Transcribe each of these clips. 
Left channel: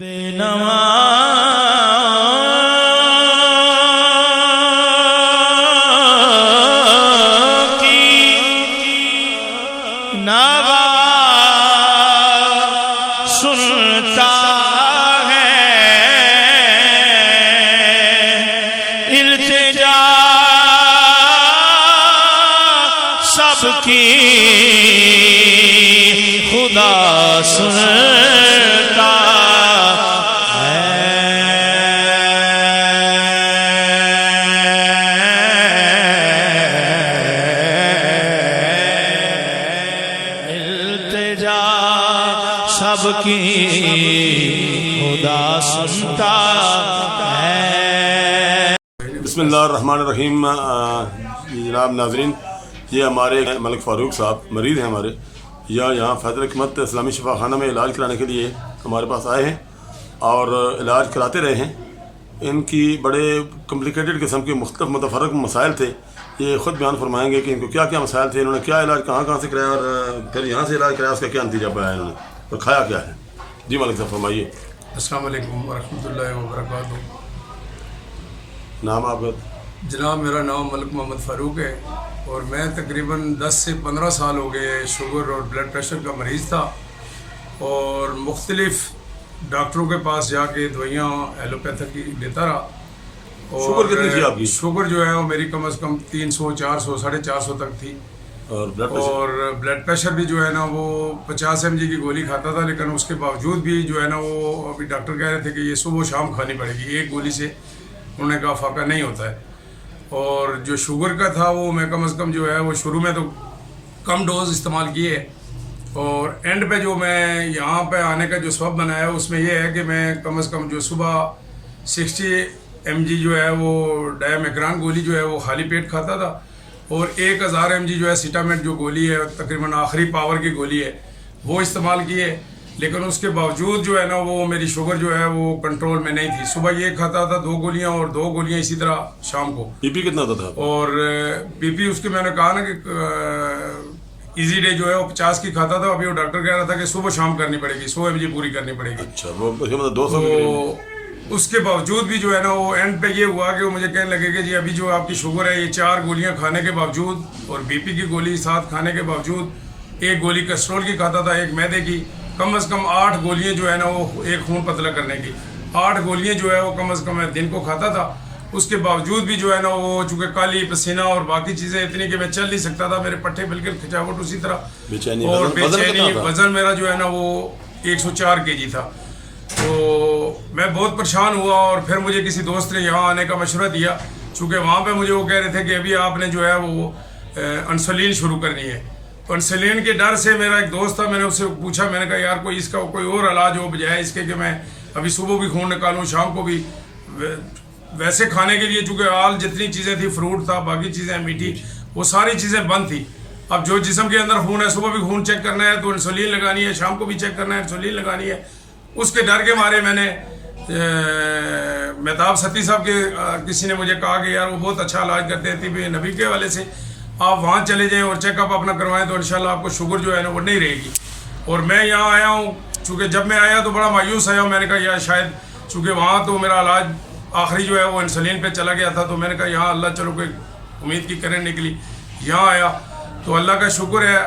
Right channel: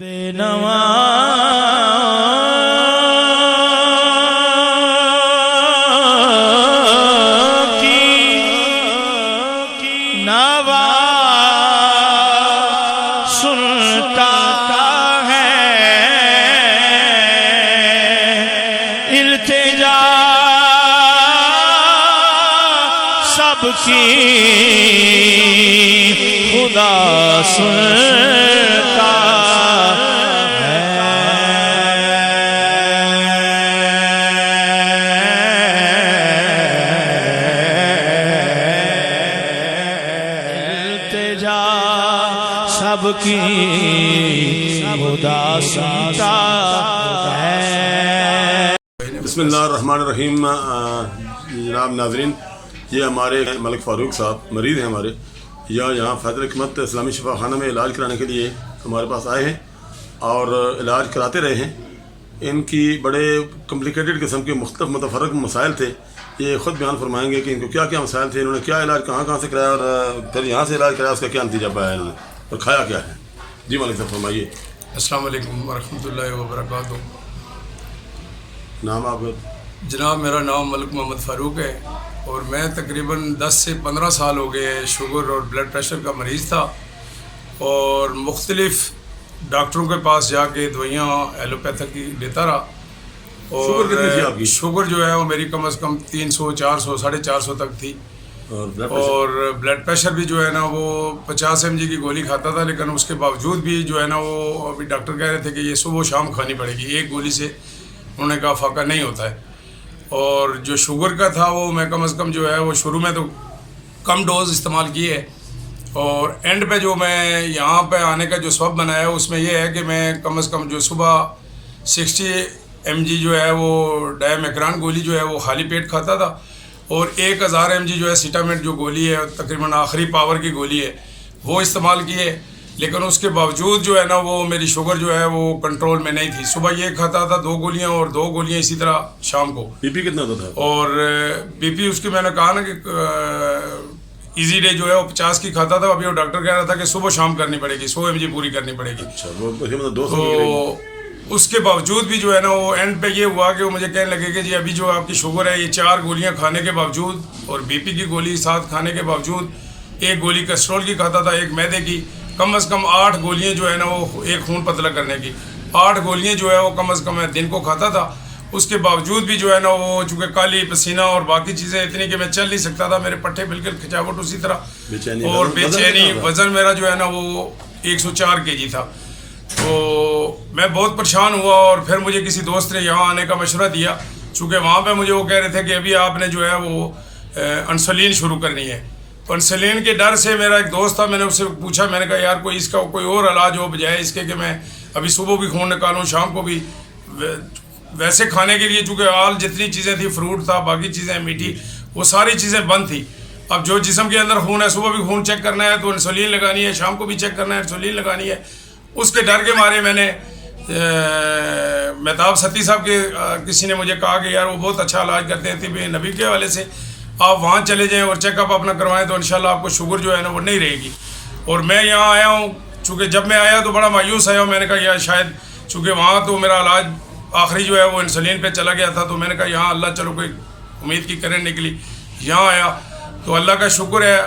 بے نوا کی نوا سنتا ہے، التجا سب کی خدا سنتا ہے۔ التجا سب کی خدا سنتا ہے۔ بسم اللہ الرحمن الرحیم۔ جناب ناظرین، یہ ہمارے ملک فاروق صاحب مریض ہیں ہمارے، یہاں فیض الحکمت اسلامی شفا خانہ میں علاج کرانے کے لیے ہمارے پاس آئے ہیں اور علاج کراتے رہے ہیں۔ ان کی بڑے کمپلیکیٹڈ قسم کے مختلف متفرق مسائل تھے، یہ خود بیان فرمائیں گے کہ ان کو کیا کیا مسائل تھے، انہوں نے کیا علاج کہاں سے کرایا اور پھر یہاں سے علاج کرایا، اس کا کیا نتیجہ پایا انہوں نے اور کھایا کیا ہے۔ جی ملک صاحب فرمائیے۔ السلام علیکم ورحمۃ اللہ وبرکاتہ۔ نام آپ؟ جناب میرا نام ملک محمد فاروق ہے اور میں تقریباً 10 سے 15 سال ہو گئے شوگر اور بلڈ پریشر کا مریض تھا، اور مختلف ڈاکٹروں کے پاس جا کے دوائیاں ایلوپیتھک کی لیتا رہا، اور شوگر جو ہے وہ میری کم از کم 300 400 450 تک تھی، اور بلڈ پریشر بھی جو ہے نا وہ 50 mg کی گولی کھاتا تھا، لیکن اس کے باوجود بھی جو ہے نا وہ ابھی ڈاکٹر کہہ رہے تھے کہ یہ صبح و شام کھانی پڑے گی، ایک گولی سے انہوں نے کہا فاقہ نہیں ہوتا ہے۔ اور جو شوگر کا تھا وہ میں کم از کم جو ہے وہ شروع میں تو کم ڈوز استعمال کیے، اور اینڈ پہ جو میں یہاں پہ آنے کا جو سبب بنایا ہے اس میں یہ ہے کہ میں کم از کم جو صبح 60 mg جو ہے وہ ڈائمیکران گولی جو ہے وہ خالی پیٹ کھاتا تھا، اور 1000 mg جو ہے سیٹامٹ جو گولی ہے تقریباً آخری پاور کی گولی ہے وہ استعمال کیے، لیکن اس کے باوجود جو ہے نا وہ میری شوگر جو ہے وہ کنٹرول میں نہیں تھی۔ صبح یہ کھاتا تھا 2 گولیاں اور 2 گولیاں اسی طرح شام کو۔ بی پی کتنا تھا؟ اور بی پی اس کی میں نے کہا نا کہ ایزی ڈے جو ہے وہ 50 کی کھاتا تھا، ابھی وہ ڈاکٹر کہہ رہا تھا کہ صبح شام کرنی پڑے گی، 100 mg پوری کرنی پڑے گی۔ اچھا، وہ مطلب 200 تو اس کے باوجود بھی جو ہے نا وہ اینڈ پہ یہ ہوا کہ وہ مجھے کہنے لگے کہ جی ابھی جو آپ کی شوگر ہے یہ 4 گولیاں کھانے کے باوجود اور بی پی کی گولی ساتھ کھانے کے باوجود، 1 گولی کیسٹرول کی کھاتا تھا، 1 میدے کی، کم از کم 8 گولیاں جو ہے نا وہ ایک خون پتلا کرنے کی، 8 گولیاں جو ہے وہ کم از کم میں دن کو کھاتا تھا۔ اس کے باوجود بھی جو ہے نا وہ چونکہ کالی پسینہ اور باقی چیزیں اتنی کہ میں چل نہیں سکتا تھا، میرے پٹھے بالکل کھچاوٹ اسی طرح، اور بے چینی، وزن میرا جو ہے نا وہ 104 kg تھا۔ تو میں بہت پریشان ہوا، اور پھر مجھے کسی دوست نے یہاں آنے کا مشورہ دیا، چونکہ وہاں پہ مجھے وہ کہہ رہے تھے کہ ابھی آپ نے جو ہے وہ انسولین شروع کرنی ہے۔ تو انسولین کے ڈر سے میرا ایک دوست تھا، میں نے اس سے پوچھا، میں نے کہا یار کوئی اس کا کوئی اور علاج ہو بجائے اس کے کہ میں ابھی صبح بھی خون نکالوں شام کو بھی۔ ویسے کھانے کے لیے چونکہ آل جتنی چیزیں تھی، فروٹ تھا، باقی چیزیں میٹھی، وہ ساری چیزیں بند تھی۔ اب جو جسم کے اندر خون ہے، صبح بھی خون چیک کرنا ہے تو انسولین لگانی ہے، شام کو بھی چیک کرنا ہے انسولین لگانی ہے۔ اس کے ڈر کے مارے میں نے مہتاب ستی صاحب کے کسی نے مجھے کہا کہ یار وہ بہت اچھا علاج کرتے ہیں طب نبی کے حوالے سے، آپ وہاں چلے جائیں اور چیک اپ اپنا کروائیں تو انشاءاللہ آپ کو شوگر جو ہے نا وہ نہیں رہے گی۔ اور میں یہاں آیا ہوں، چونکہ جب میں آیا تو بڑا مایوس آیا ہوں، میں نے کہا یار شاید چونکہ وہاں تو میرا علاج آخری جو ہے وہ انسولین پہ چلا گیا تھا، تو میں نے کہا یہاں اللہ چلو کوئی امید کی کرن نکلی، یہاں آیا تو اللہ کا شکر ہے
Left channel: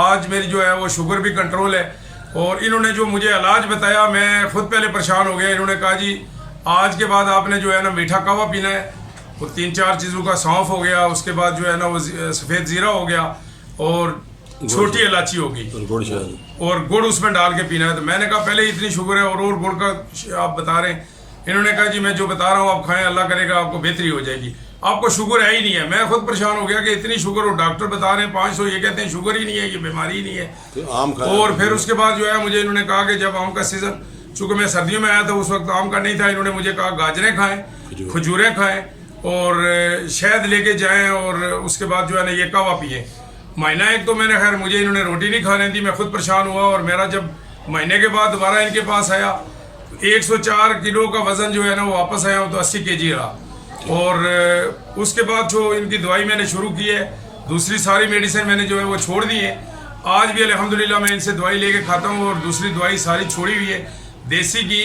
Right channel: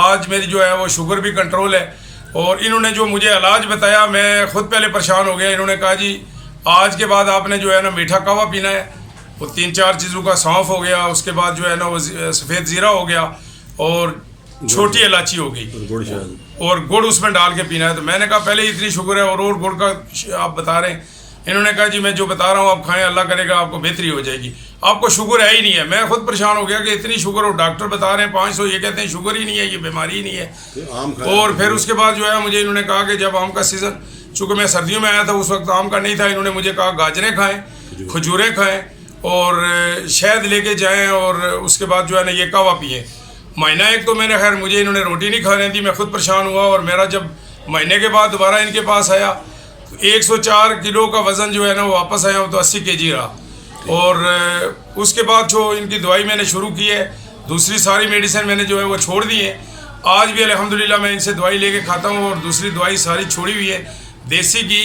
آج میری جو ہے وہ شوگر بھی کنٹرول ہے۔ اور انہوں نے جو مجھے علاج بتایا میں خود پہلے پریشان ہو گیا، انہوں نے کہا جی آج کے بعد آپ نے جو ہے نا میٹھا قہوہ پینا ہے، وہ 3-4 چیزوں کا سونف ہو گیا، اس کے بعد جو ہے نا وہ سفید زیرہ ہو گیا، اور چھوٹی الائچی ہو گئی، اور گڑ اس میں ڈال کے پینا ہے۔ تو میں نے کہا پہلے اتنی شوگر ہے اور گڑ کا آپ بتا رہے ہیں؟ انہوں نے کہا جی میں جو بتا رہا ہوں آپ کھائیں، اللہ کرے گا آپ کو بہتری ہو جائے گی، آپ کو شوگر ہے ہی نہیں ہے۔ میں خود پریشان ہو گیا کہ اتنی شوگر، اور ڈاکٹر بتا رہے ہیں 500، یہ کہتے ہیں شوگر ہی نہیں ہے، یہ بیماری ہی نہیں ہے۔ اور پھر اس کے بعد جو ہے مجھے انہوں نے کہا کہ جب آم کا سیزن، چونکہ میں سردیوں میں آیا تھا اس وقت آم کا نہیں تھا، انہوں نے مجھے کہا گاجریں کھائیں، کھجوریں کھائیں، اور شہد لے کے جائیں، اور اس کے بعد جو ہے نا یہ قہوہ پئیں۔ مہینہ ایک تو میں نے خیر مجھے انہوں نے روٹی نہیں کھانے دی، میں خود پریشان ہوا، اور میرا جب مہینے کے بعد دوبارہ ان کے پاس آیا 104 کلو کا وزن جو ہے نا وہ واپس آیا ہوں تو 80 kg رہا۔ اور اس کے بعد جو ان کی دوائی میں نے شروع کی ہے، دوسری ساری میڈیسن میں نے جو ہے وہ چھوڑ دی ہے۔ آج بھی الحمدللہ میں ان سے دوائی لے کے کھاتا ہوں، اور دوسری دوائی ساری چھوڑی ہوئی ہے۔ دیسی گھی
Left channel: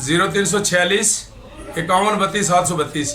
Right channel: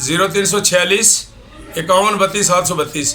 0346 51 32 732